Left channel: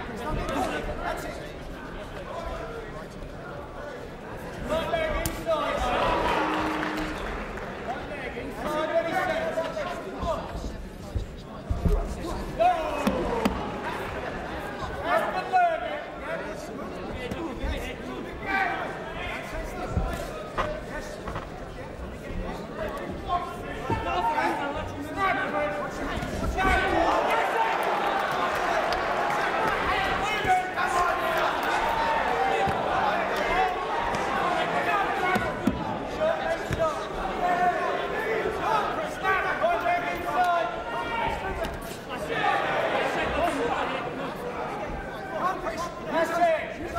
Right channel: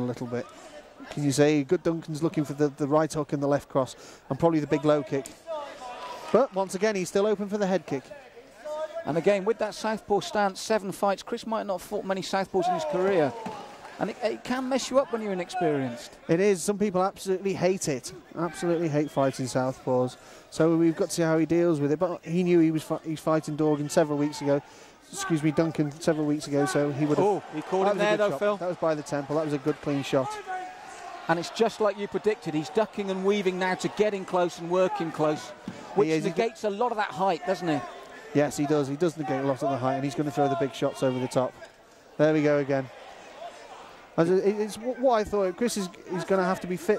a little bit. As you say, good Duncan's looking for the right hook and the left cross, and probably the big low kick. But once again, he's still open for the head kick. And again, with that southpaw stance, 7 fights, Chris might not have fought many southpaws in his career. And it can mess you up when you're inexperienced. It is. Some people absolutely hate it. Absolutely hate fighting southpaws. So we've got to see how he deals with it. But he knew he was fighting Duncan several weeks ago. Excuse me, Duncan several weeks ago. So he would have. That was a good clean shot. And it's just like you predicted. He's ducking and weaving now to getting close and working close, which negates a lot of that height, doesn't he? Yes, he does. He does negate a lot of the height, and he's going to throw the big shots over the top. There we go again. It's what I thought. Chris is going to have to be fit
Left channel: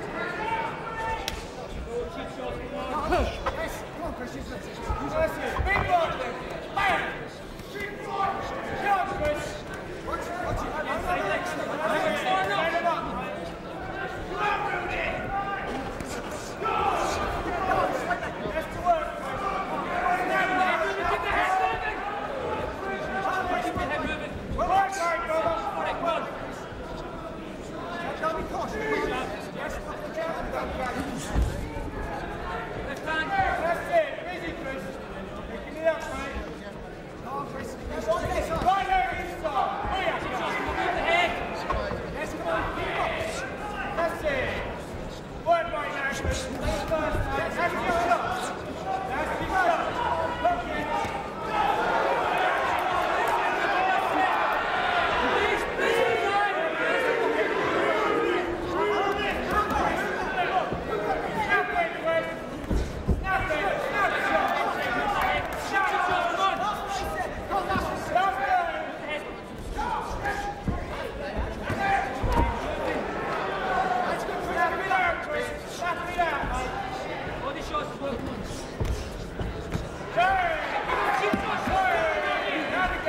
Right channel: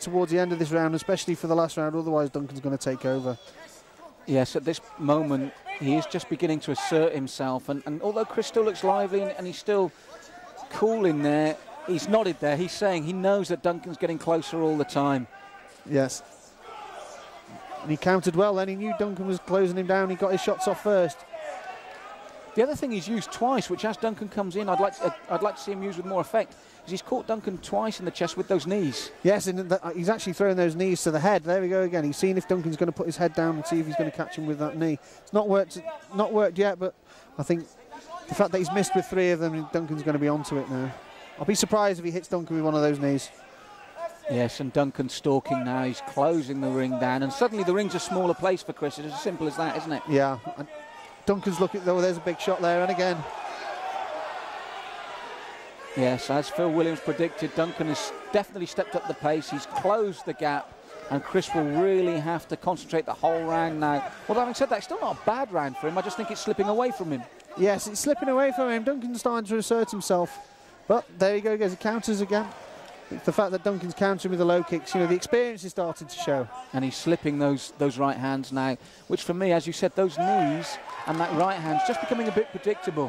towards the end of this round, especially for the last round. Otherwise, Duncan's going to take over. Yes, at this moment, he is just beginning to assert himself, and although Chris still looks lively and he's still cool in there, he's nodded there. He's saying he knows that Duncan's getting closer all the time. Yes. He counted well then. He knew Duncan was closing him down. He got his shots off first. The other thing he's used twice, which as Duncan comes in, I'd like to see him use with more effect, is he's caught Duncan twice in the chest with those knees. Yes, and he's actually throwing those knees to the head. There we go again. He's seeing if Duncan's going to put his head down and see if he's going to catch him with that knee. It's not worked yet, but I think the fact that he's missed with 3 of them, Duncan's going to be onto it now. I'll be surprised if he hits Duncan with one of those knees. Yes, and Duncan's stalking now. He's closing the ring down, and suddenly the ring's a smaller place for Chris. It's as simple as that, isn't it? Yeah. Duncan's looking at there's a big shot there, and again. Yes, as Phil Williams predicted, Duncan has definitely stepped up the pace. He's closed the gap, and Chris will really have to concentrate the whole round now. But having said that, it's not a bad round for him. I just think it's slipping away from him. Yes, it's slipping away from him. Duncan's starting to assert himself. But there you go, he goes, counters again. The fact that Duncan's countering with the low kicks, the experience is starting to show. And he's slipping those right hands now, which for me, as you said, those knees and that right hand's just becoming a bit predictable.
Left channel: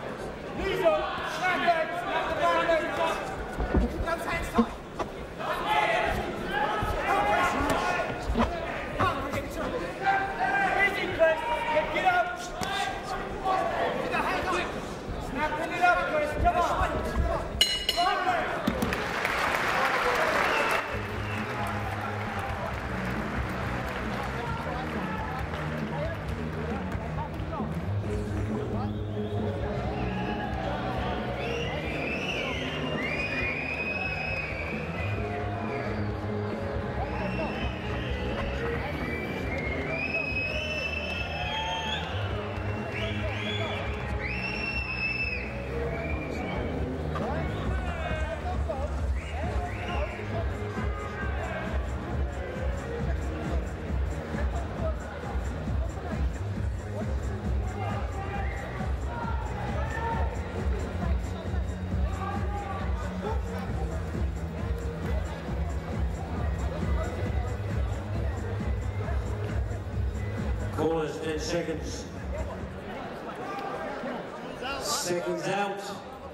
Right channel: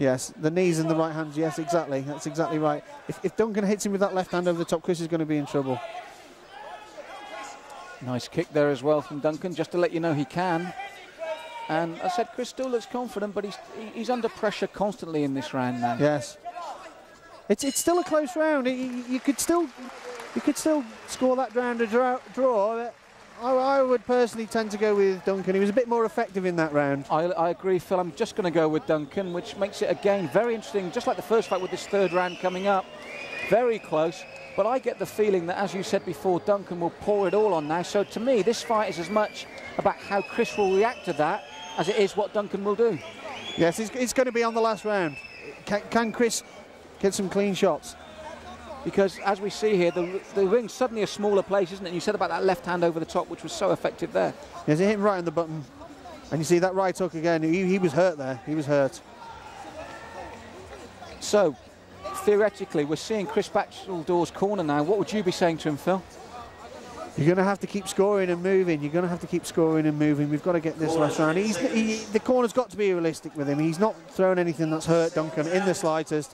Yes, the knees and the right hands, yes, exactly. That's exactly right. If Duncan hits him with that left hand over the top, Chris is going to be in trouble. Nice kick there as well from Duncan, just to let you know he can. And I said Chris still looks confident, but he's under pressure constantly in this round now. Yes. It's still a close round. You could still score that round a draw. I would personally tend to go with Duncan. He was a bit more effective in that round. I agree, Phil. I'm just going to go with Duncan, which makes it again very interesting. Just like the first fight with this 3rd round coming up, very close. But I get the feeling that, as you said before, Duncan will pour it all on now. So to me, this fight is as much about how Chris will react to that as it is what Duncan will do. Yes, it's going to be on the last round. Can Chris get some clean shots? Because as we see here, the ring's suddenly a smaller place, isn't it? You said about that left hand over the top, which was so effective there. Yes, it hit him right on the button. And you see that right hook again. He was hurt there. He was hurt. So, theoretically, we're seeing Chris Batchelor's corner now. What would you be saying to him, Phil? You're going to have to keep scoring and moving. You're going to have to keep scoring and moving. We've got to get this last round. The corner's got to be realistic with him. He's not throwing anything that's hurt Duncan in the slightest.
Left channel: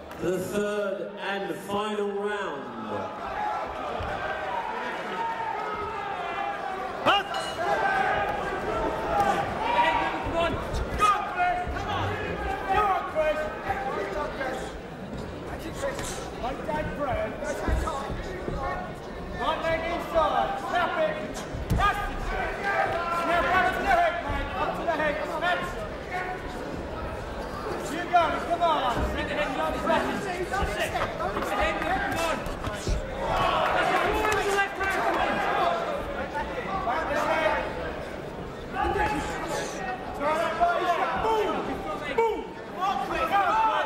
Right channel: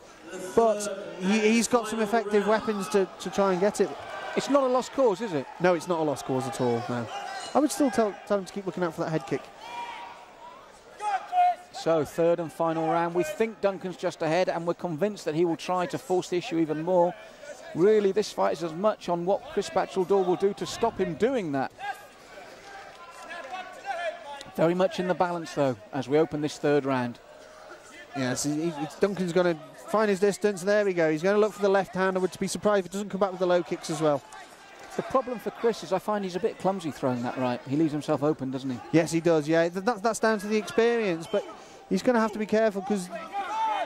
But he's got some effective weapons to try and get it. It's not a lost cause, is it? No, it's not a lost cause at all. No. I would still tell him to keep looking out for that head kick. So, 3rd and final round. We think Duncan's just ahead, and we're convinced that he will try to force the issue even more. Really, this fight is as much on what Chris Batchelor will do to stop him doing that. Very much in the balance, though, as we open this 3rd round. Yes, Duncan's going to find his distance. There you go. He's going to look for the left hand. I would be surprised if he doesn't come back with the low kicks as well. The problem for Chris is I find he's a bit clumsy throwing that right. He leaves himself open, doesn't he? Yes, he does, yeah. That's down to the experience, but he's going to have to be careful because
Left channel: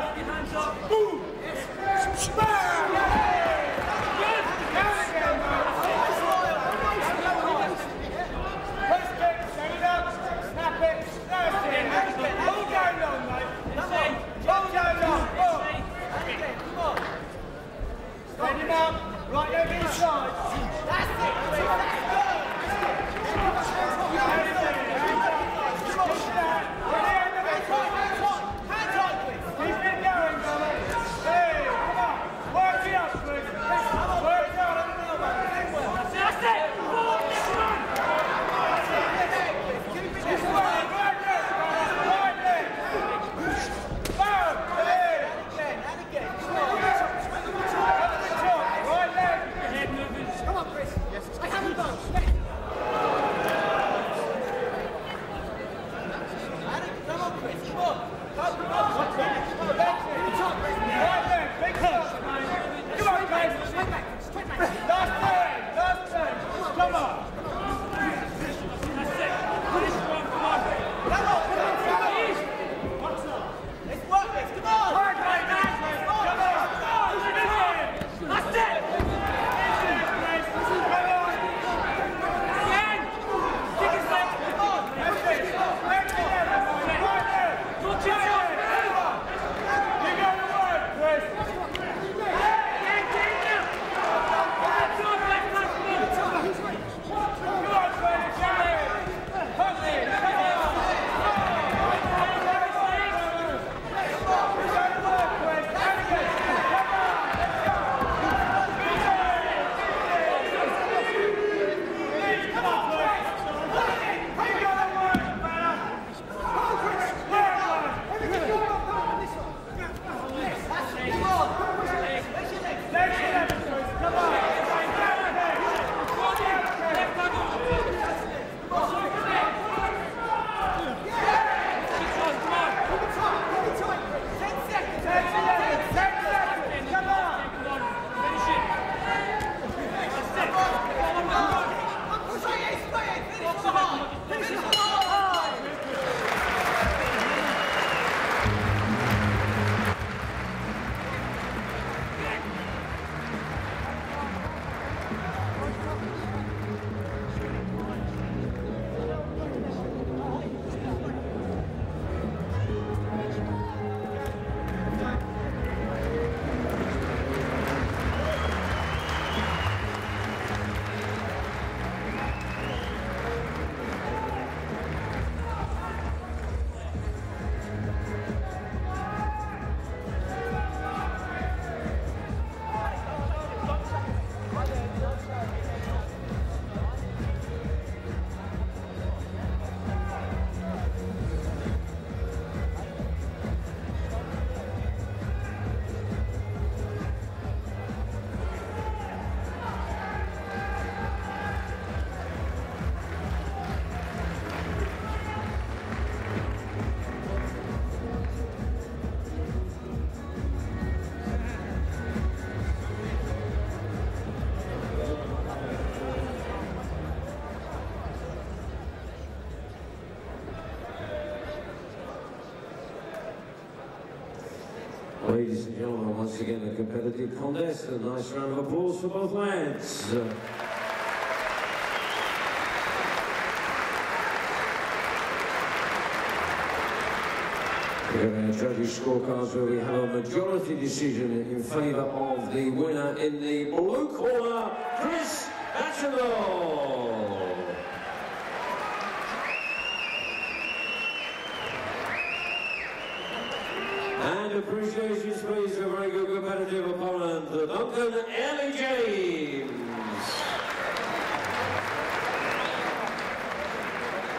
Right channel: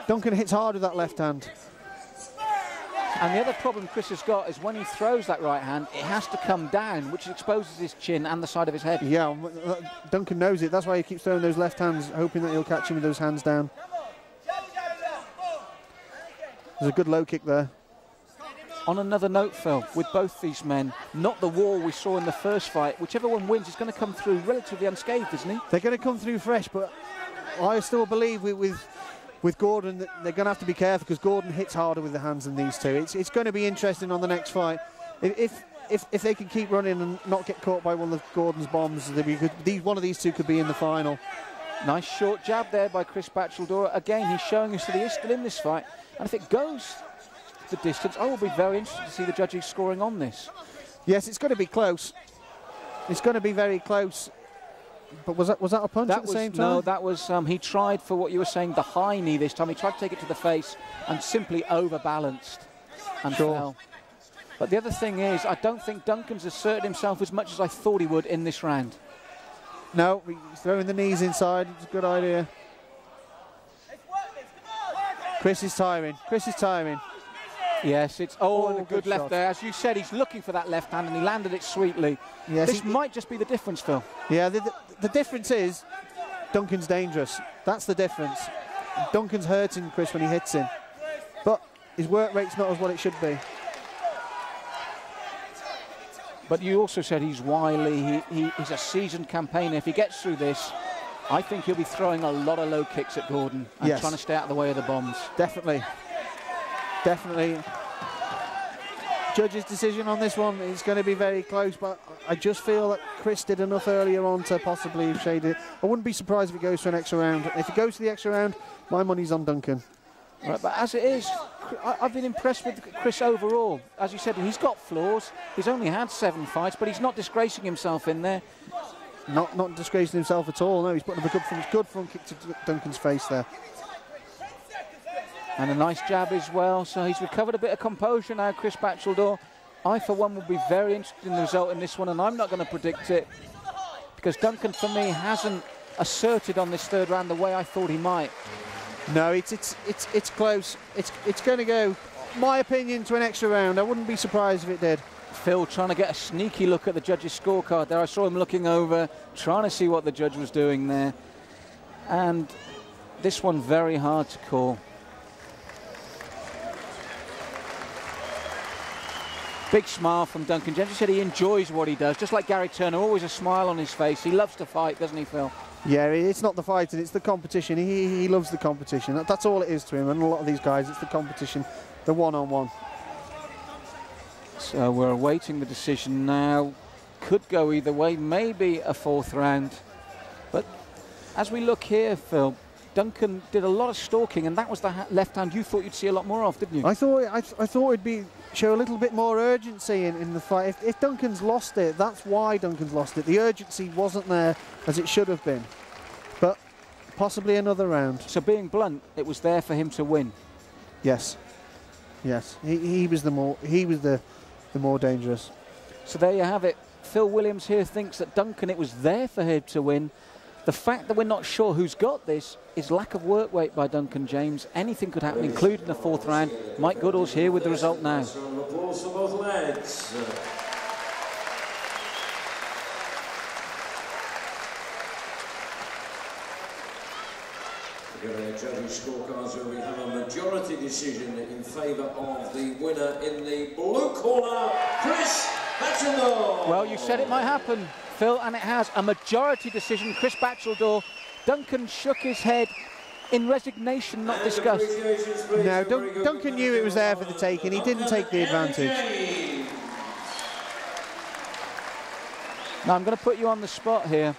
Duncan hits hard with that left hand. And the other problem Chris has got is when he throws that right hand, it has to come down, which exposes his chin and the side of his head. Yeah, Duncan knows it. That's why he keeps throwing those left hands, hoping that he'll catch him with those hands down. There's a good low kick there. On another note, Phil, with both these men, not the wall we saw in the first fight. Whichever one wins is going to come through relatively unscathed, isn't he? They're going to come through fresh, but I still believe with Gordon that they're going to have to be careful because Gordon hits harder with the hands than these two. It's going to be interesting on the next fight. If they can keep running and not get caught by one of Gordon's bombs, one of these two could be in the final. Nice short jab there by Chris Batchelor. Again, he's showing us that he is still in this fight. If it goes distance. I would be very interested to see the judges scoring on this. Yes, it's going to be close. It's going to be very close. But was that a punch at the same time? No, that was, he tried for what you were saying, the high knee this time. He tried to take it to the face and simply overbalanced. And the other thing is, I don't think Duncan's asserted himself as much as I thought he would in this round. No, throwing the knees inside. Good area. Chris is tiring. Chris is tiring. Yes, it's all a good left there. As you said, he's looking for that left hand and he landed it sweetly. Yes. This might just be the difference, Phil. Yeah, the difference is Duncan's dangerous. That's the difference. Duncan's hurting Chris when he hits him. But his work rate's not as what it should be. But you also said he's wily, he's a seasoned campaigner. If he gets through this, I think he'll be throwing a lot of low kicks at Gordon. Yes. Trying to stay out of the way of the bombs. Definitely. Definitely. Judge's decision on this one is going to be very close, but I just feel that Chris did enough earlier on to possibly shade it. I wouldn't be surprised if it goes for an extra round. If it goes to the extra round, my money's on Duncan. But as it is, I've been impressed with Chris overall. As you said, he's got flaws. He's only had 7 fights, but he's not disgracing himself in there. Not disgracing himself at all. No, he's putting a good Duncan's face there. And a nice jab as well, so he's recovered a bit of composure now, Chris Batchelor. I, for one, would be very interested in the result in this one, and I'm not going to predict it, because Duncan, for me, hasn't asserted on this third round the way I thought he might. No, it's close. It's going to go, my opinion, to an extra round. I wouldn't be surprised if it did. Phil trying to get a sneaky look at the judge's scorecard there. I saw him looking over, trying to see what the judge was doing there. And this one very hard to call. Big smile from Duncan James. He said he enjoys what he does, just like Gary Turner, always a smile on his face. He loves to fight, doesn't he, Phil? Yeah, it's not the fighting, it's the competition. He loves the competition. That's all it is to him, and a lot of these guys, it's the competition, the one-on-one. So we're awaiting the decision now. Could go either way, maybe a 4th round. But as we look here, Phil, Duncan did a lot of stalking, and that was the left hand you thought you'd see a lot more of, didn't you? I thought it'd show a little bit more urgency in the fight. If Duncan's lost it, that's why Duncan's lost it. The urgency wasn't there as it should have been. But possibly another round. So being blunt, it was there for him to win. Yes. Yes. He was the more dangerous. So there you have it. Phil Williams here thinks that Duncan, it was there for him to win. The fact that we're not sure who's got this is lack of work rate by Duncan James. Anything could happen, including the 4th round. Mike Goodall's here with the result now. The judges' scorecards where we have a majority decision in favour of the winner in the blue corner, Chris Batchelor. Well, you said it might happen, Phil, and it has. A majority decision, Chris Batchelor. Duncan shook his head in resignation, not disgust. No, Duncan knew it was there for the taking. He didn't take the advantage. Now, I'm going to put you on the spot here.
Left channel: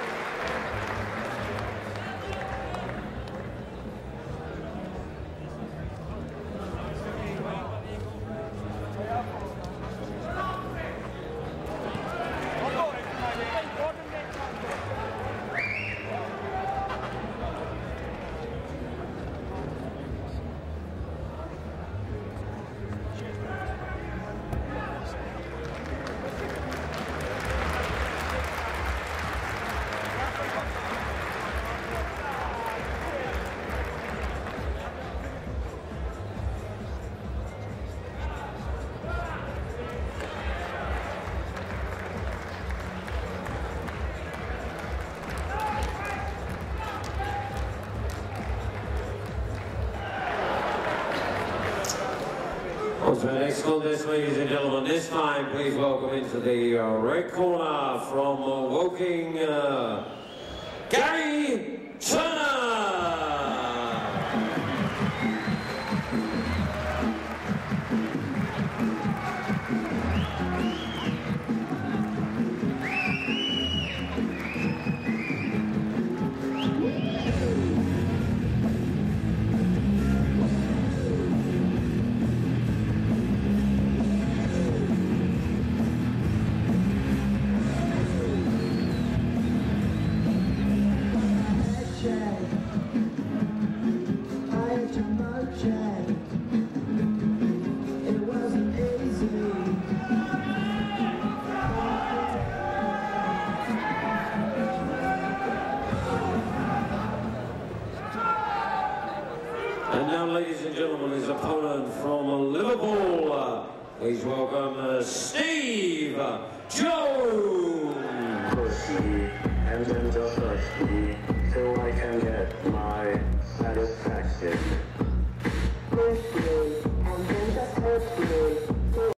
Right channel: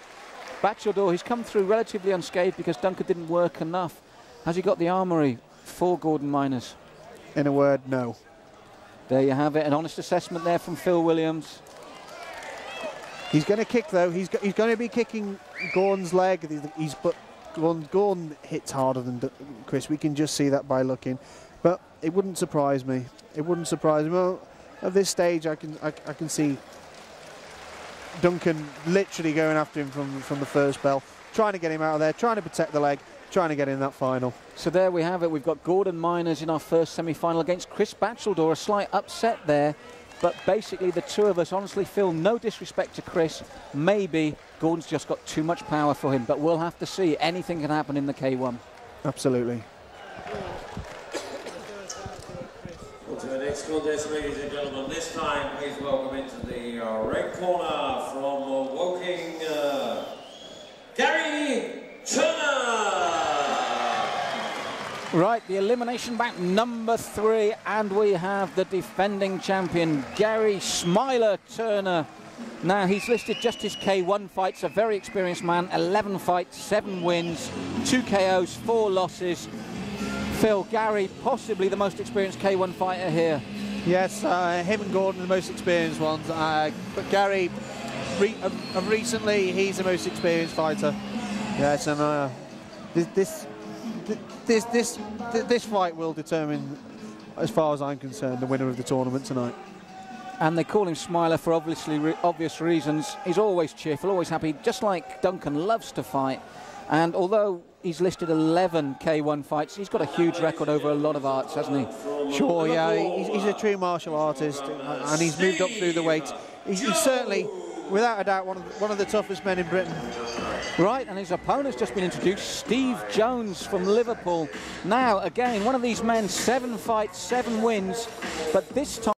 Batchelor, he's come through relatively unscathed because Duncan didn't work enough. Has he got the armoury for Gordon Miners? In a word, no. There you have it, an honest assessment there from Phil Williams. He's going to kick though. He's going to be kicking Gordon's leg. Gordon hits harder than Chris. We can just see that by looking. But it wouldn't surprise me. It wouldn't surprise me. Well, at this stage, I can see Duncan literally going after him from the first bell, trying to get him out of there, trying to protect the leg, trying to get in that final. So there we have it. We've got Gordon Miners in our first semi-final against Chris Batchelor. A slight upset there, but basically the two of us honestly feel, no disrespect to Chris, maybe Gordon's just got too much power for him, but we'll have to see. Anything can happen in the K1. Absolutely. On to the next contest, ladies and gentlemen. This time, please welcome into the red corner from Woking, Gary Turner. Right, the elimination match number 3, and we have the defending champion, Gary Smiler Turner. Now, he's listed just his K1 fights, a very experienced man, 11 fights, 7 wins, 2 KOs, 4 losses. Phil, Gary, possibly the most experienced K1 fighter here. Yes, him and Gordon, the most experienced ones. But Gary, recently, he's the most experienced fighter. Yes, and this fight will determine, as far as I'm concerned, the winner of the tournament tonight. And they call him Smiler for obvious reasons. He's always cheerful, always happy, just like Duncan loves to fight. And although he's listed 11 K1 fights, he's got a huge record over a lot of artists, hasn't he? Sure, yeah, he's a true martial artist, and he's moved up through the weight. He's certainly, without a doubt, one of the toughest men in Britain. Right, and his opponent's just been introduced, Steve Jones from Liverpool. Now, again, one of these men, 7 fights, 7 wins, but this time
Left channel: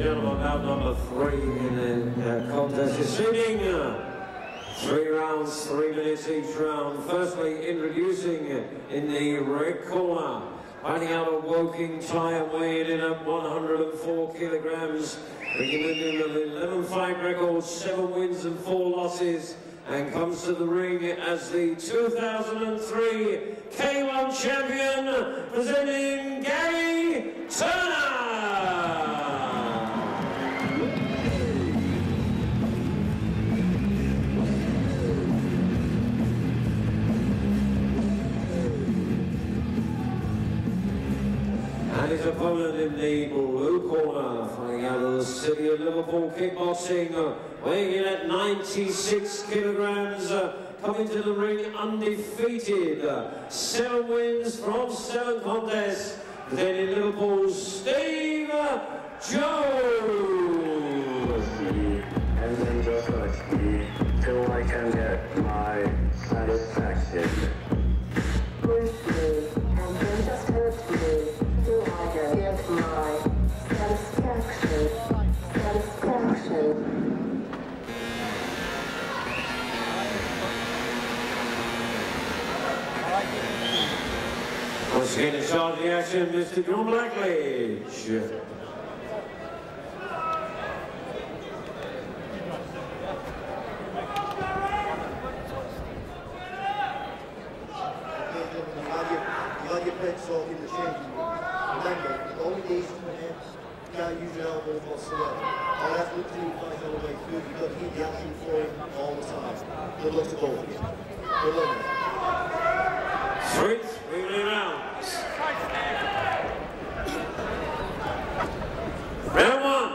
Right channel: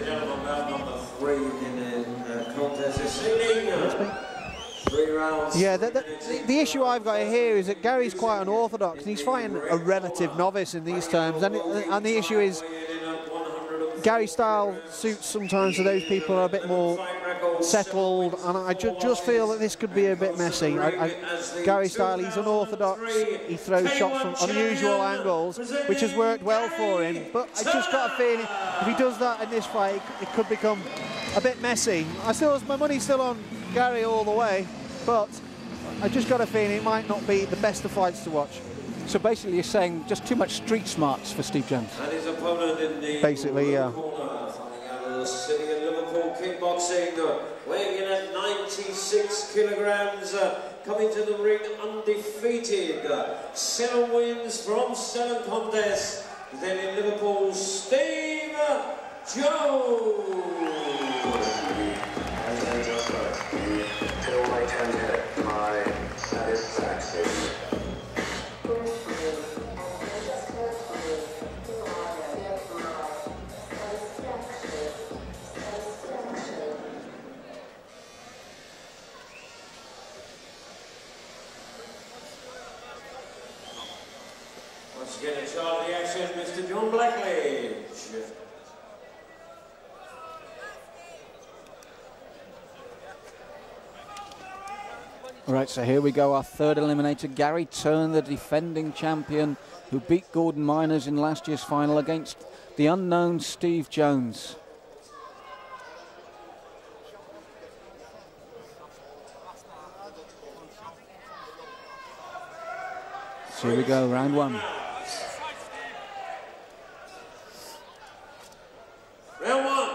Number 3 in the contest is shooting. 3 rounds. Yeah, the issue I've got here is that Gary's quite unorthodox. He's fighting a relative novice in these terms, and the issue is Gary's style suits sometimes to those people who are a bit more settled, and I just feel that this could be a bit messy. Gary's style, he's unorthodox, he throws shots from unusual angles, which has worked well for him, but I've just got a feeling if he does that in this fight, he could become a bit messy. My money's still on Gary all the way, but I just got a feeling he might not be the best of fights to watch. So basically you're saying just too much street smarts for Steve Jones. And his opponent in the basically, yeah. corner, fighting out of the city of Liverpool, kickboxing, weighing in at 96 kilograms, coming to the ring undefeated. 7 wins from 7 contests. Then in Liverpool, Steve Jones. Do I can get my satisfaction? Once again, in charge of the action, Mr. John Blackledge. Right, so here we go, our third eliminator, Gary Turn, the defending champion, who beat Gordon Miners in last year's final against the unknown Steve Jones. Here we go, round 1. Round 1.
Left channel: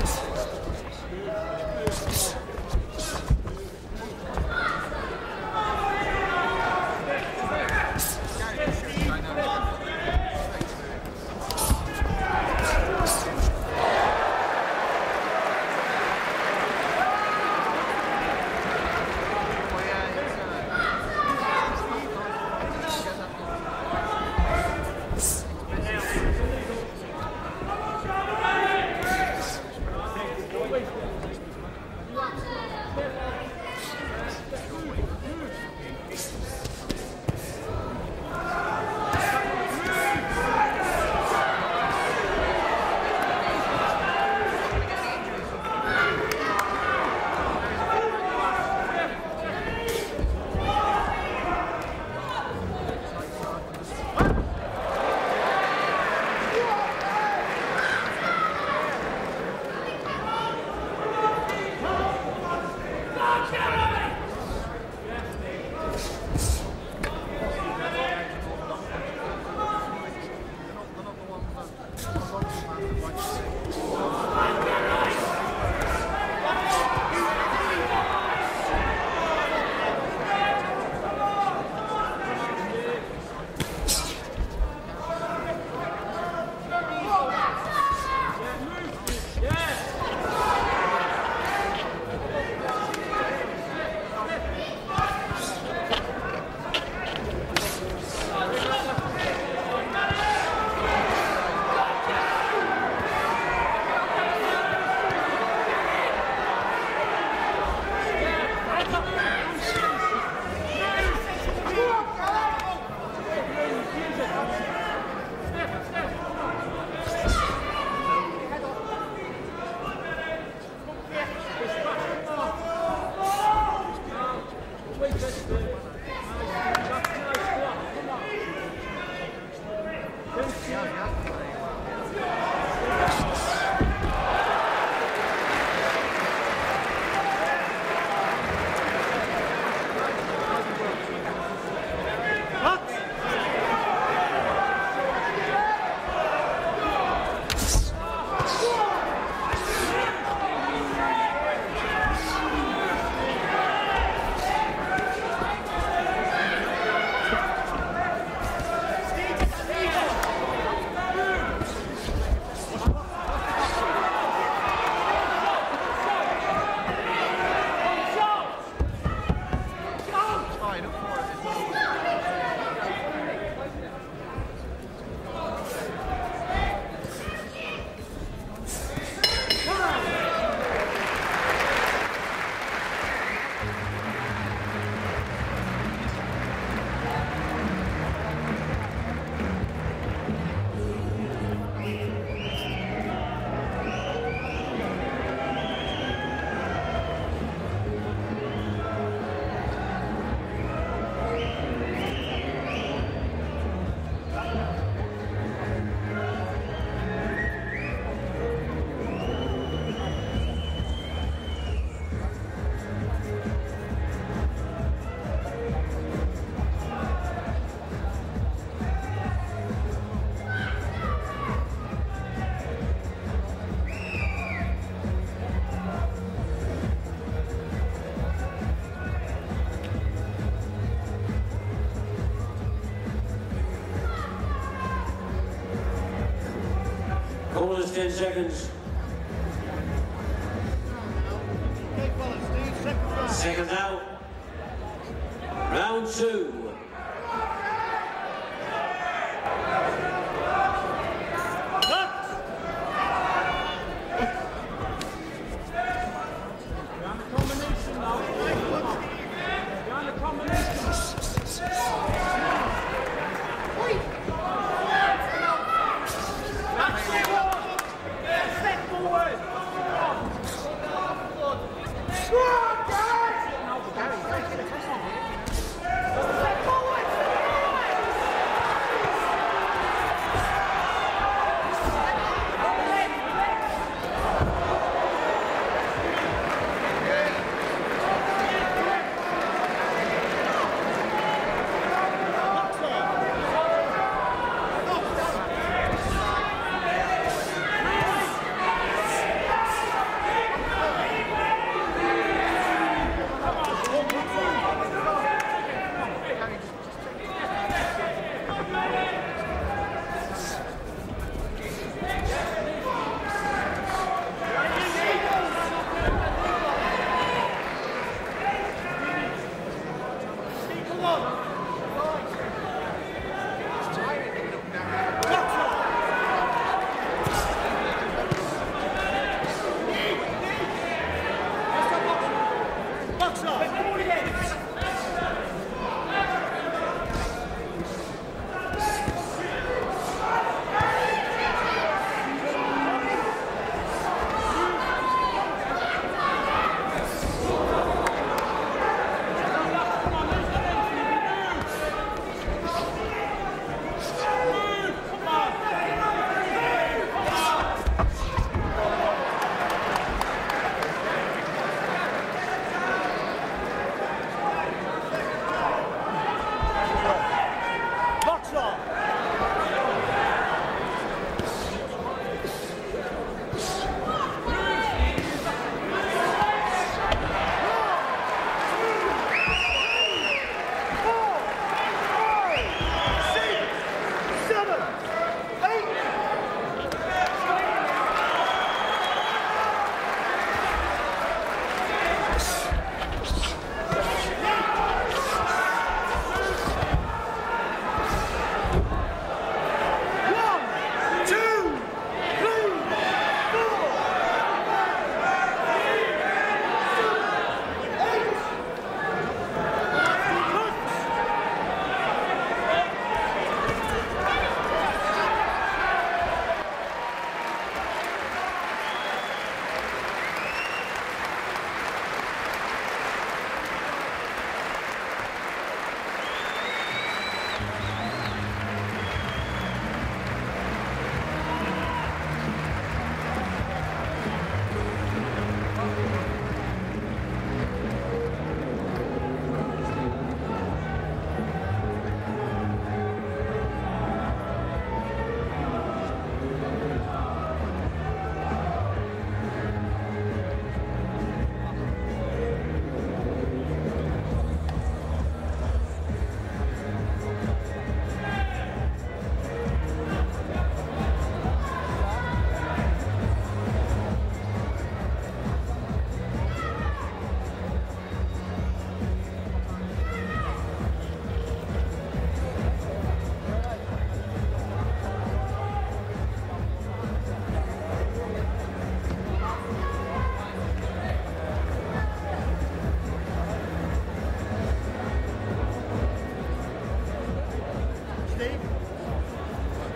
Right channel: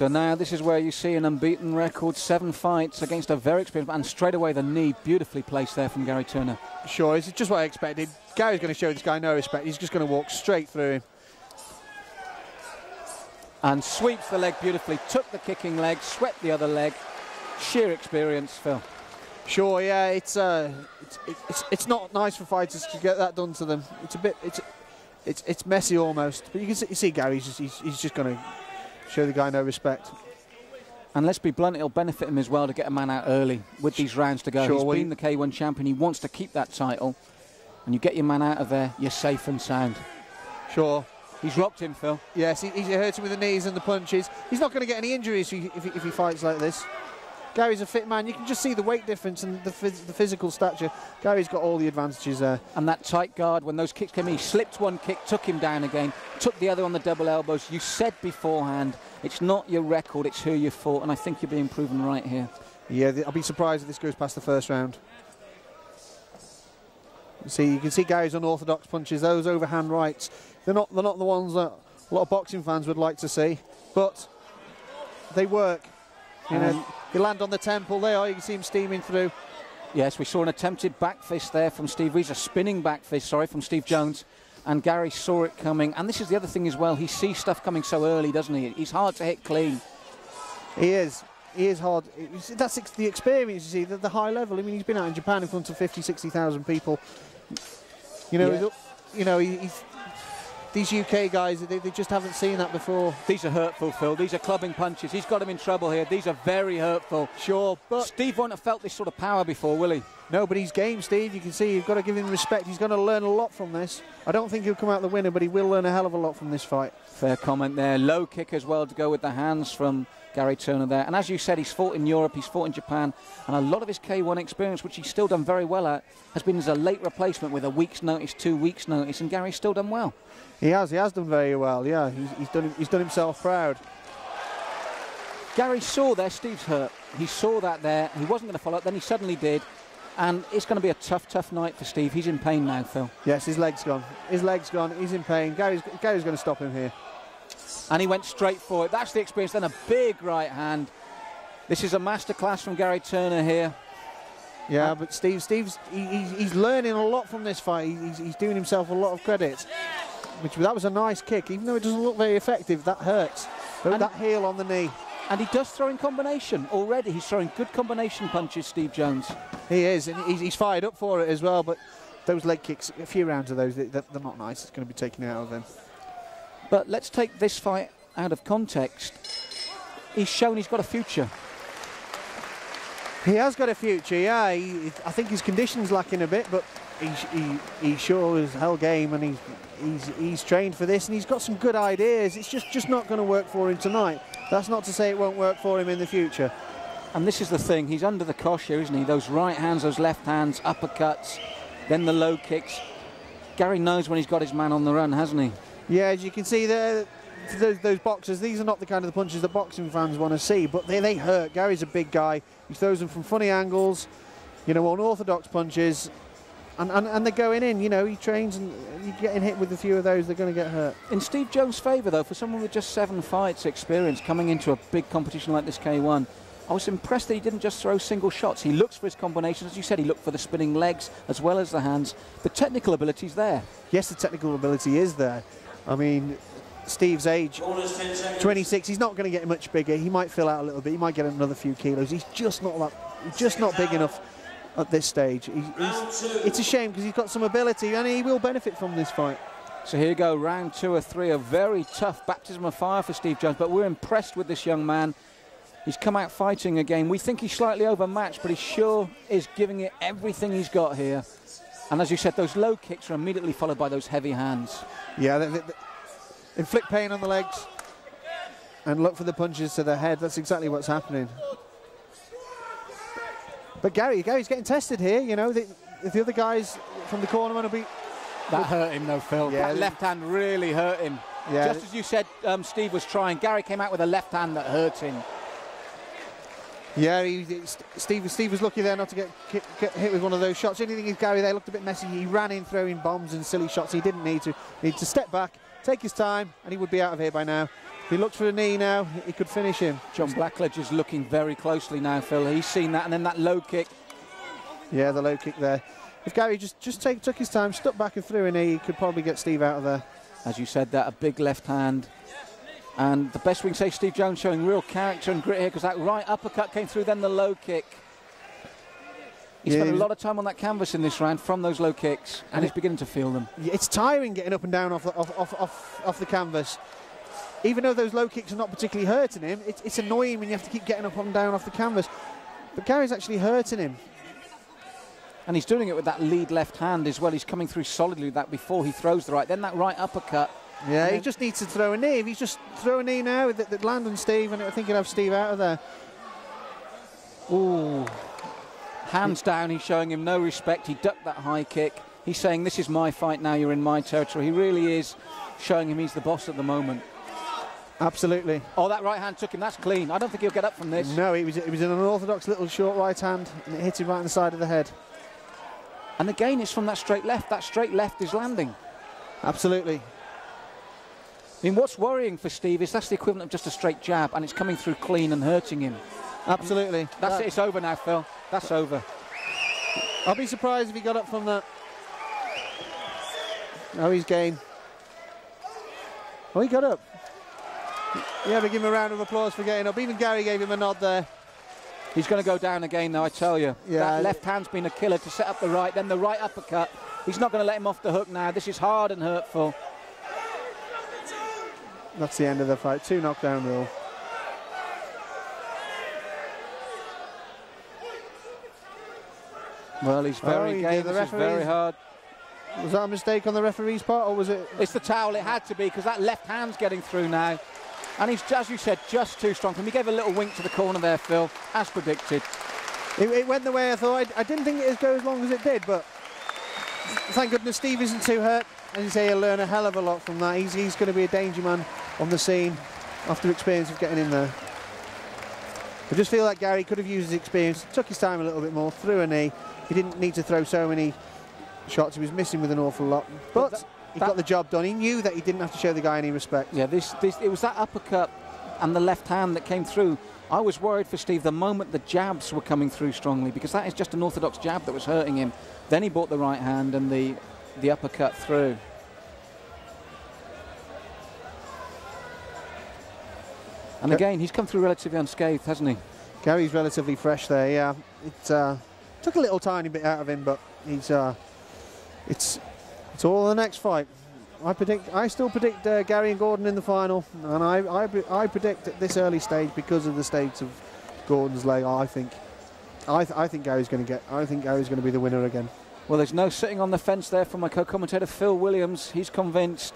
So now this is where you see an unbeaten record, 7 fights against a very experienced, and straight away the knee beautifully placed there from Gary Turner. Sure, it's just what I expected. Gary's going to show this guy no respect. He's just going to walk straight through him. And sweeps the leg beautifully, took the kicking leg, swept the other leg. Sheer experience for... Sure, yeah, it's not nice for fighters to get that done to them. It's a bit, it's messy almost. You see Gary, he's just going to show the guy no respect. And let's be blunt, it'll benefit him as well to get a man out early with these rounds to go. Sure, he's been the K1 champion, he wants to keep that title. And you get your man out of there, you're safe and sound. Sure. He's rocked him, Phil. Yes, he hurts him with the knees and the punches. He's not going to get any injuries if he fights like this. Gary's a fit man. You can just see the weight difference and the physical stature. Gary's got all the advantages there. And that tight guard, when those kicks came, he slipped one kick, took him down again, took the other on the double elbows. You said beforehand, it's not your record, it's who you fought, and I think you're being proven right here. Yeah, I'd be surprised if this goes past the first round. You can see Gary's unorthodox punches, those overhand rights. They're not the ones that a lot of boxing fans would like to see, but they work. They land on the temple there, you can see him steaming through. Yes, we saw an attempted back fist there from Steve Reese, a spinning back fist, sorry, from Steve Jones. And Gary saw it coming. And this is the other thing as well, he sees stuff coming so early, doesn't he? He's hard to hit clean. He is hard. That's the experience, the high level. He's been out in Japan in front of 50, 60,000 people. These UK guys, they just haven't seen that before. These are hurtful, Phil. These are clubbing punches. He's got him in trouble here. These are very hurtful. Sure. Steve won't have felt this sort of power before, will he? No, but he's game, Steve. You can see you've got to give him respect. He's going to learn a lot from this. I don't think he'll come out the winner, but he will learn a hell of a lot from this fight. Third comment there. Low kick as well to go with the hands from Gary Turner there. And as you said, he's fought in Europe, he's fought in Japan. And a lot of his K1 experience, which he's still done very well at, has been as a late replacement with a week's notice, 2 weeks' notice. And Gary's still done well. He has done very well, yeah. He's done himself proud. Gary saw there, Steve's hurt. He saw that there, he wasn't going to follow up, then he suddenly did. And it's going to be a tough night for Steve. He's in pain now, Phil. Yes, his leg's gone. His leg's gone. He's in pain. Gary's going to stop him here. And he went straight for it. That's the experience. Then a big right hand. This is a masterclass from Gary Turner here. Yeah, but Steve's he's learning a lot from this fight. He's doing himself a lot of credit. That was a nice kick. Even though it doesn't look very effective, that hurts. But that heel on the knee. And he does throw in combination. Already he's throwing good combination punches, Steve Jones. He is. He's fired up for it as well, but those leg kicks, a few rounds of those, they're not nice. It's going to be taken out of them. But let's take this fight out of context. He's shown he's got a future. He has got a future, yeah. I think his conditioning's lacking a bit, but he sure is hell game, and he's trained for this, and he's got some good ideas. It's just not going to work for him tonight. That's not to say it won't work for him in the future. And this is the thing, he's under the kosher, isn't he? Those right hands, those left hands, uppercuts, then the low kicks. Gary knows when he's got his man on the run, hasn't he? Yeah, as you can see there, those boxers, these are not the kind of punches that boxing fans want to see, but they hurt. Gary's a big guy. He throws them from funny angles, unorthodox punches, and they're going in. He trains, and getting hit with a few of those, they're going to get hurt. In Steve Jones' favour, though, for someone with just 7 fights experience coming into a big competition like this K1, I was impressed that he didn't just throw single shots. He looks for his combinations. As you said, he looked for the spinning legs as well as the hands. The technical ability's there. Yes, the technical ability is there. I mean, Steve's age, 26, he's not going to get much bigger. He might fill out a little bit. He might get another few kilos. He's just not big enough at this stage. It's a shame because he's got some ability and he will benefit from this fight. So here we go, round 2 of 3, a very tough baptism of fire for Steve Jones, but we're impressed with this young man. He's come out fighting again. We think he's slightly overmatched, but he sure is giving it everything he's got here. And as you said, those low kicks are immediately followed by those heavy hands. Yeah, inflict pain on the legs and look for the punches to the head. That's exactly what's happening. But Gary's getting tested here. The other guys from the corner will be... That hurt him, though, Phil. Yeah. Left hand really hurt him. Yeah. Just as you said, Steve was trying. Gary came out with a left hand that hurt him. Yeah, Steve was lucky there not to get hit with one of those shots. I didn't think Gary there looked messy. He ran in throwing bombs and silly shots. He didn't need to. He had to step back, take his time. He would be out of here by now. If he looks for a knee now, he could finish him. John Batchelor just looking very closely now, Phil. He's seen that, and then that low kick. Yeah, the low kick there. If Gary just took his time, stepped back and threw a knee, he could probably get Steve out of there. As you said, that a big left hand. And the best we can say, Steve Jones showing real character and grit. It was that right uppercut came through, then the low kick. He spent a lot of time on that canvas in this round from those low kicks, and he's beginning to feel them. It's tiring getting up and down off the canvas. Even though those low kicks are not particularly hurting him, it's annoying when you have to keep getting up and down off the canvas. But Gary's actually hurting him. And he's doing it with that lead left hand as well. He's coming through solidly with that before he throws the right. Then that right uppercut. Yeah, he just needs to throw a knee. If he's just throw a knee now, they'd land on Steve, and I think he'll have Steve out of there. Ooh. Hands down, he's showing him no respect. He ducked that high kick. He's saying, this is my fight now, you're in my territory. He really is showing him he's the boss at the moment. Absolutely. Oh, that right hand took him, that's clean. I don't think he'll get up from this. No, he was in an orthodox little short right hand. It hit him right in the side of the head. And again, it's from that straight left. That straight left is landing. Absolutely. I mean, what's worrying for Steve is that's the equivalent of just a straight jab, and it's coming through clean and hurting him. Absolutely. It's over now, Phil. That's over. I'll be surprised if he got up from the... Oh, he's game. Oh, he got up. Yeah, we'll give him a round of applause for getting up. Even Gary gave him a nod there. He's going to go down again now, I tell you. Yeah. Left hand's been a killer to set up the right, then the right uppercut. He's not going to let him off the hook now. This is hard and hurtful. 1, 2. That's the end of the fight. 2 knockdown rule. Well, he's very the referee. Was that a mistake on the referee's part, or was it? It's the towel, it had to be, because that left hand's getting through now. And he's, as you said, just too strong. And he gave a little wink to the corner there, Phil, as predicted. It went the way I thought. I didn't think it would go as long as it did, but thank goodness Steve isn't too hurt. And he'll learn a hell of a lot from that. He's going to be a danger man on the scene after the experience of getting in there. I just feel like Gary could have used his experience. He took his time a little bit more, threw a knee. He didn't need to throw so many shots. He was missing with an awful lot. But he got the job done. He knew that he didn't have to show the guy any respect. Yeah, it was that uppercut and the left hand that came through. I was worried for Steve the moment the jabs were coming through strongly, because that is just an orthodox jab that was hurting him. Then he brought the right hand and the uppercut through. And again, he's come through relatively unscathed, hasn't he? Gary's relatively fresh there, yeah. It took a little tiny bit out of him, but it's all the next fight. I still predict Gary and Gordon in the final, and I predict at this early stage, because of the state of Gordon's leg, I think Gary's going to be the winner again. Well, there's no sitting on the fence there from my co-commentator Phil Williams. He's convinced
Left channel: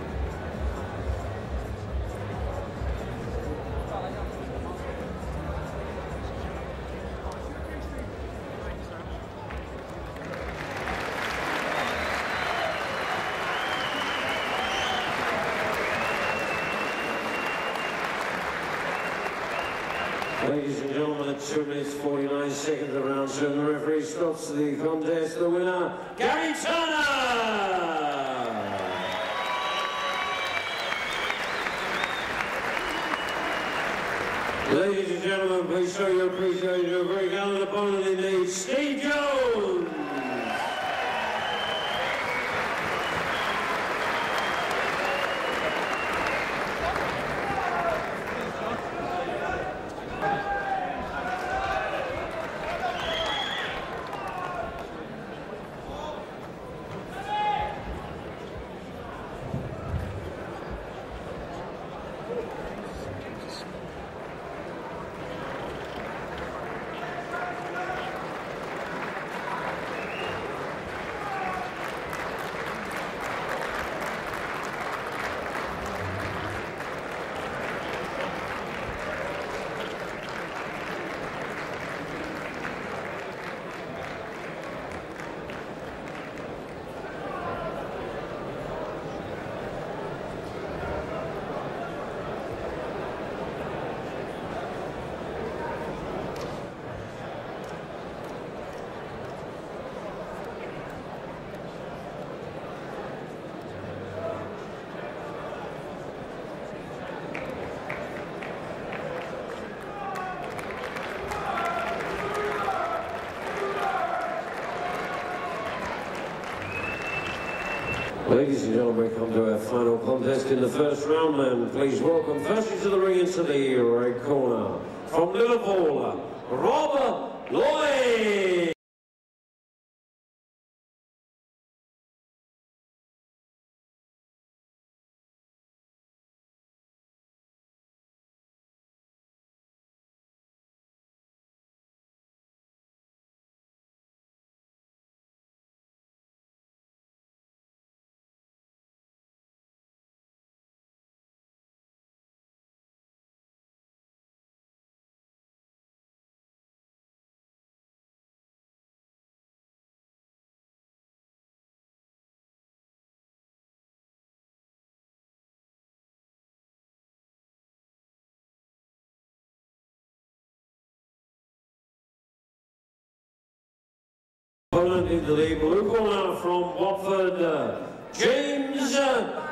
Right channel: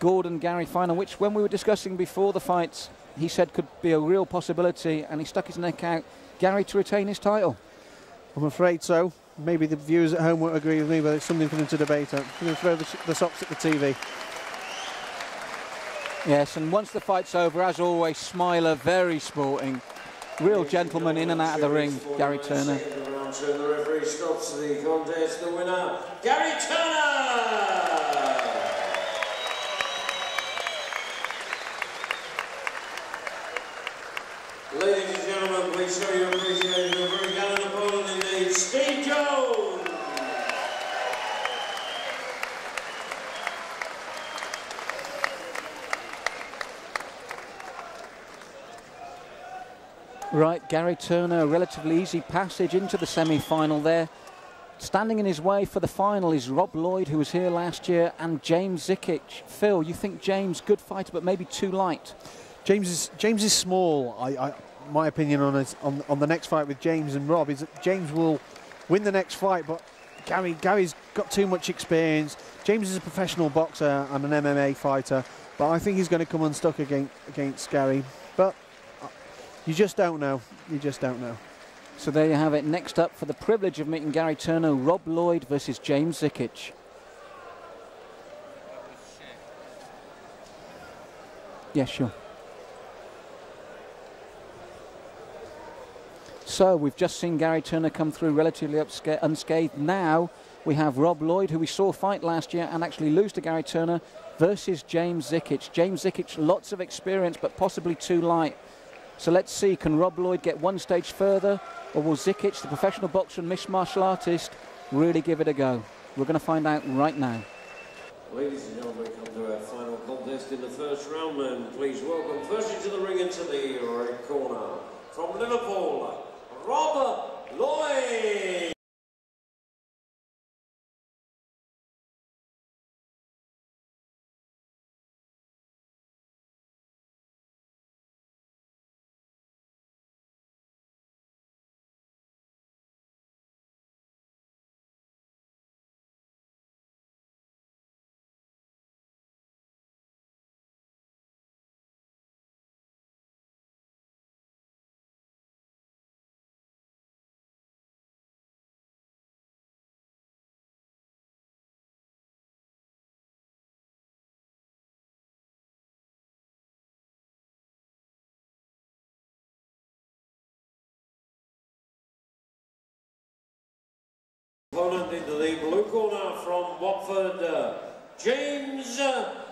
Gordon-Gary final, which when we were discussing before the fights, he said could be a real possibility, and he stuck his neck out. Gary to retain his title. I'm afraid so. Maybe the viewers at home won't agree with me, but it's something for me to debate it. I'm going to throw the socks at the TV. Yes, and once the fight's over, as always, Smiler, very sporting. Real gentleman in and out of the ring, Gary Turner. The round, so the referee stops the contest. The winner, Gary Turner! Ladies and gentlemen, please show your appreciation of a very gallant opponent indeed, Steve Jones! Right, Gary Turner, a relatively easy passage into the semi-final there. Standing in his way for the final is Rob Lloyd, who was here last year, and James Zikic. Phil, you think James, good fighter, but maybe too light? James is small. My opinion on the next fight with James and Rob is that James will win the next fight, but Gary's got too much experience. James is a professional boxer and an MMA fighter, but I think he's going to come unstuck against Gary. But you just don't know. You just don't know. So there you have it. Next up, for the privilege of meeting Gary Turner, Rob Lloyd versus James Zikic. Yeah, sure. So we've just seen Gary Turner come through relatively unscathed. Now we have Rob Lloyd, who we saw fight last year and actually lose to Gary Turner, versus James Zikic. James Zikic, lots of experience, but possibly too light. So let's see, can Rob Lloyd get one stage further, or will Zikic, the professional boxer and mixed martial artist, really give it a go? We're going to find out right now. Ladies and gentlemen, come to our final contest in the first round, and please welcome first into the ring into the red corner, from Liverpool, Rob Lloyd. opponent into the blue corner from Watford, James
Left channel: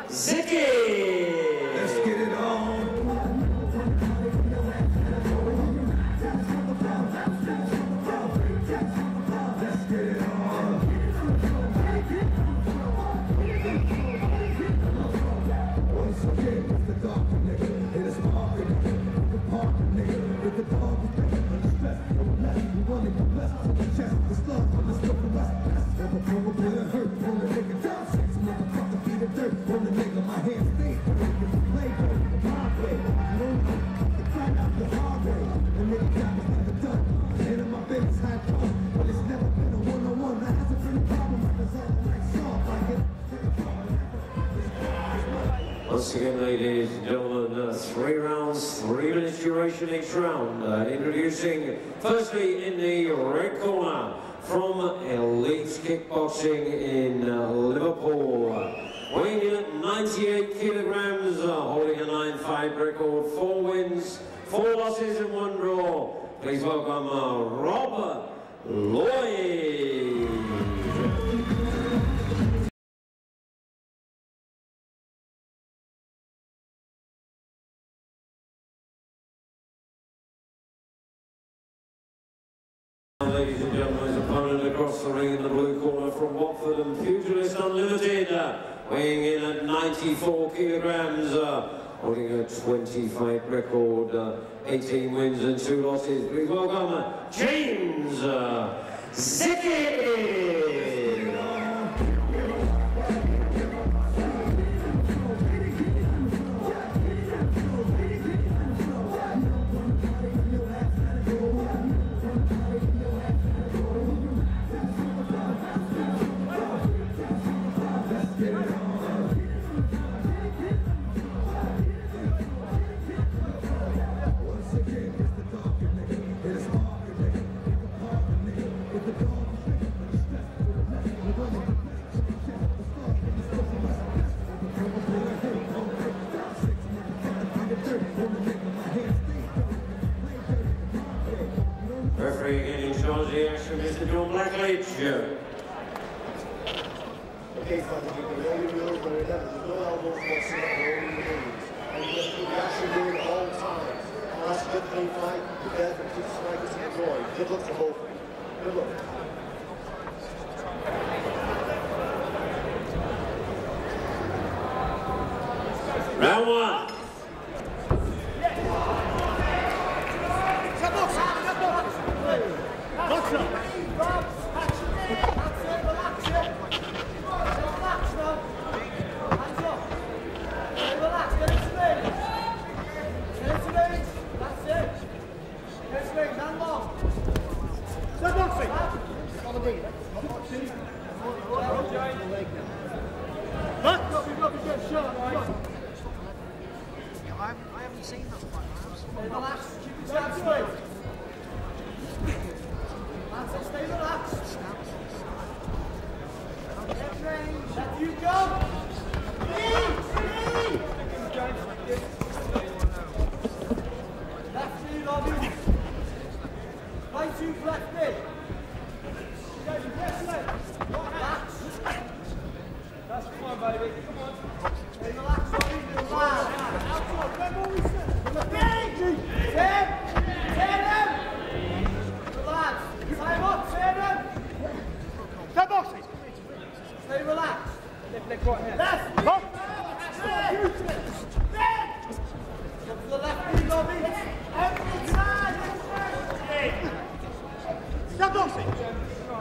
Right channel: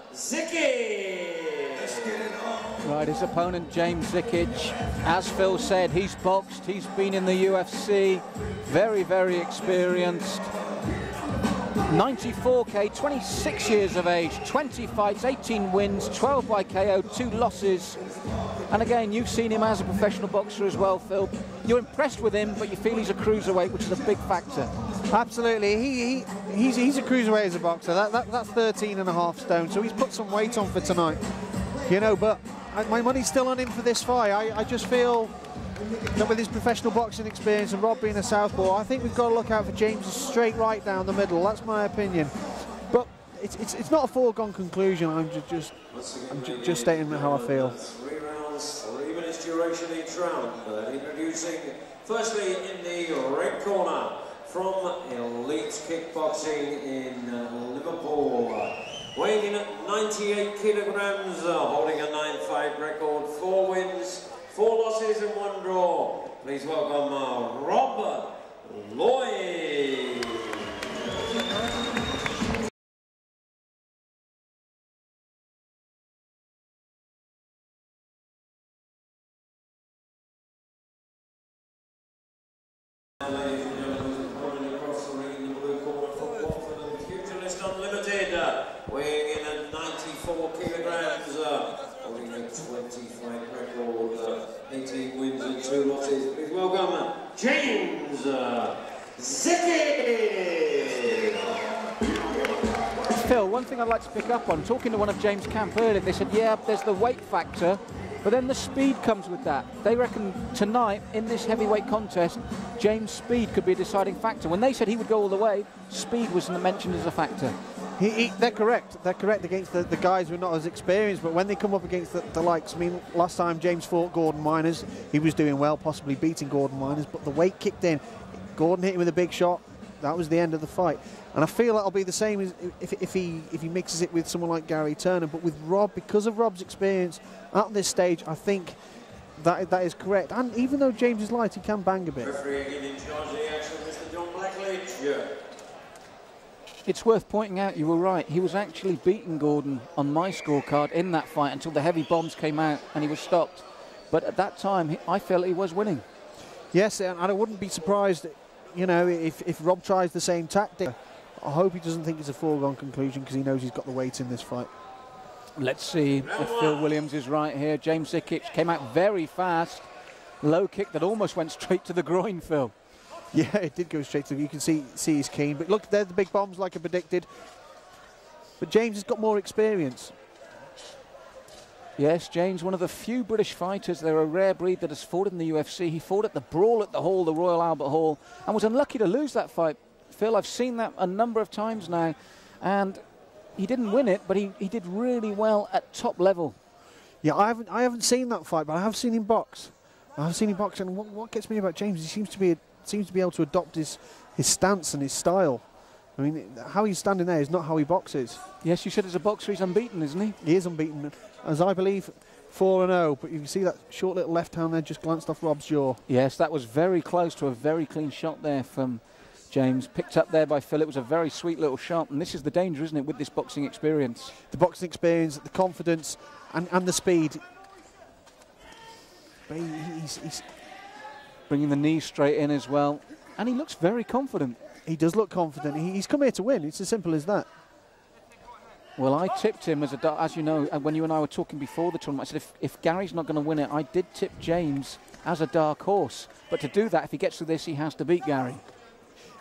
Zikic. Right, his opponent, James Zikic, as Phil said, he's boxed, he's been in the UFC, very, very experienced. 94k, 26 years of age, 20 fights, 18 wins, 12 by KO, 2 losses. And again, you've seen him as a professional boxer as well, Phil. You're impressed with him, but you feel he's a cruiserweight, which is a big factor. Absolutely. He's a cruiserweight as a boxer. That's 13.5 stone, so he's put some weight on for tonight. You know, but my money's still on him for this fight. I just feel that with his professional boxing experience and Rob being a southpaw, I think we've got to look out for James straight right down the middle. That's my opinion. But it's not a foregone conclusion. I'm just stating how I feel. 3 rounds, 3 minutes duration each round. Introducing firstly in the red corner from Elite Kickboxing in Liverpool. Weighing in at 98 kilograms, holding a 9-5 record, 4 wins, 4 losses and 1 draw. Please welcome Rob Lloyd. Ladies and gentlemen, his opponent across the ring in the blue corner from Watford and Pugilist Unlimited, weighing in at 94 kilograms, holding a 20-fight record, 18 wins and 2 losses. Please welcome James Zikic. Phil, one thing I'd like to pick up on, talking to one of James' camp earlier, they said, yeah, there's the weight factor, but then the speed comes with that. They reckon tonight, in this heavyweight contest, James' speed could be a deciding factor. When they said he would go all the way, speed was mentioned as a factor. They're correct. They're correct against the guys who are not as experienced, but when they come up against the likes, I mean, last time James fought Gordon Miners, he was doing well, possibly beating Gordon Miners, but the weight kicked in. Gordon hit him with a big shot. That was the end of the fight. And I feel that'll be the same as if he mixes it with someone like Gary Turner. But with Rob, because of Rob's experience at this stage, I think that is correct. And even though James is light, he can bang a bit. Referee in charge of the action, Mr. John Blackledge. It's worth pointing out, you were right, he was actually beating Gordon on my scorecard in that fight until the heavy bombs came out and he was stopped. But at that time, I felt he was winning. Yes, and I wouldn't be surprised, you know, if Rob tries the same tactic. I hope he doesn't think it's a foregone conclusion because he knows he's got the weight in this fight. Let's see if Phil Williams is right here. James Zikic came out very fast. Low kick that almost went straight to the groin, Phil. Yeah, it did go straight to him. You can see he's keen. But look, there's the big bombs like I predicted. But James has got more experience. Yes, James, one of the few British fighters. They're a rare breed that has fought in the UFC. He fought at the Brawl at the Hall, the Royal Albert Hall, and was unlucky to lose that fight. Phil, I've seen that a number of times now, and he didn't win it, but he did really well at top level. Yeah, I haven't seen that fight, but I have seen him box. I've seen him box, and what gets me about James, he seems to be able to adopt his stance and his style. I mean, how he's standing there is not how he boxes. Yes, you said as a boxer he's unbeaten, isn't he? He is unbeaten, as I believe, 4-0. But you can see that short little left hand there just glanced off Rob's jaw. Yes, that was very close to a very clean shot there from James. Picked up there by Phil. It was a very sweet little shot, and this is the danger, isn't it, with this boxing experience? The boxing experience, the confidence, and the speed. He's bringing the knee straight in as well, and he looks very confident. He does look confident. He's come here to win. It's as simple as that. Well, I tipped him as a, as you know, when you and I were talking before the tournament, I said if Gary's not going to win it, I did tip James as a dark horse. But to do that, if he gets to this, he has to beat Gary.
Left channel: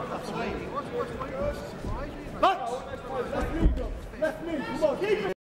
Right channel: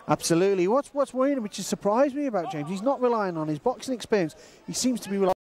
Absolutely. What's worrying, which has surprised me about James, he's not relying on his boxing experience. He seems to be relying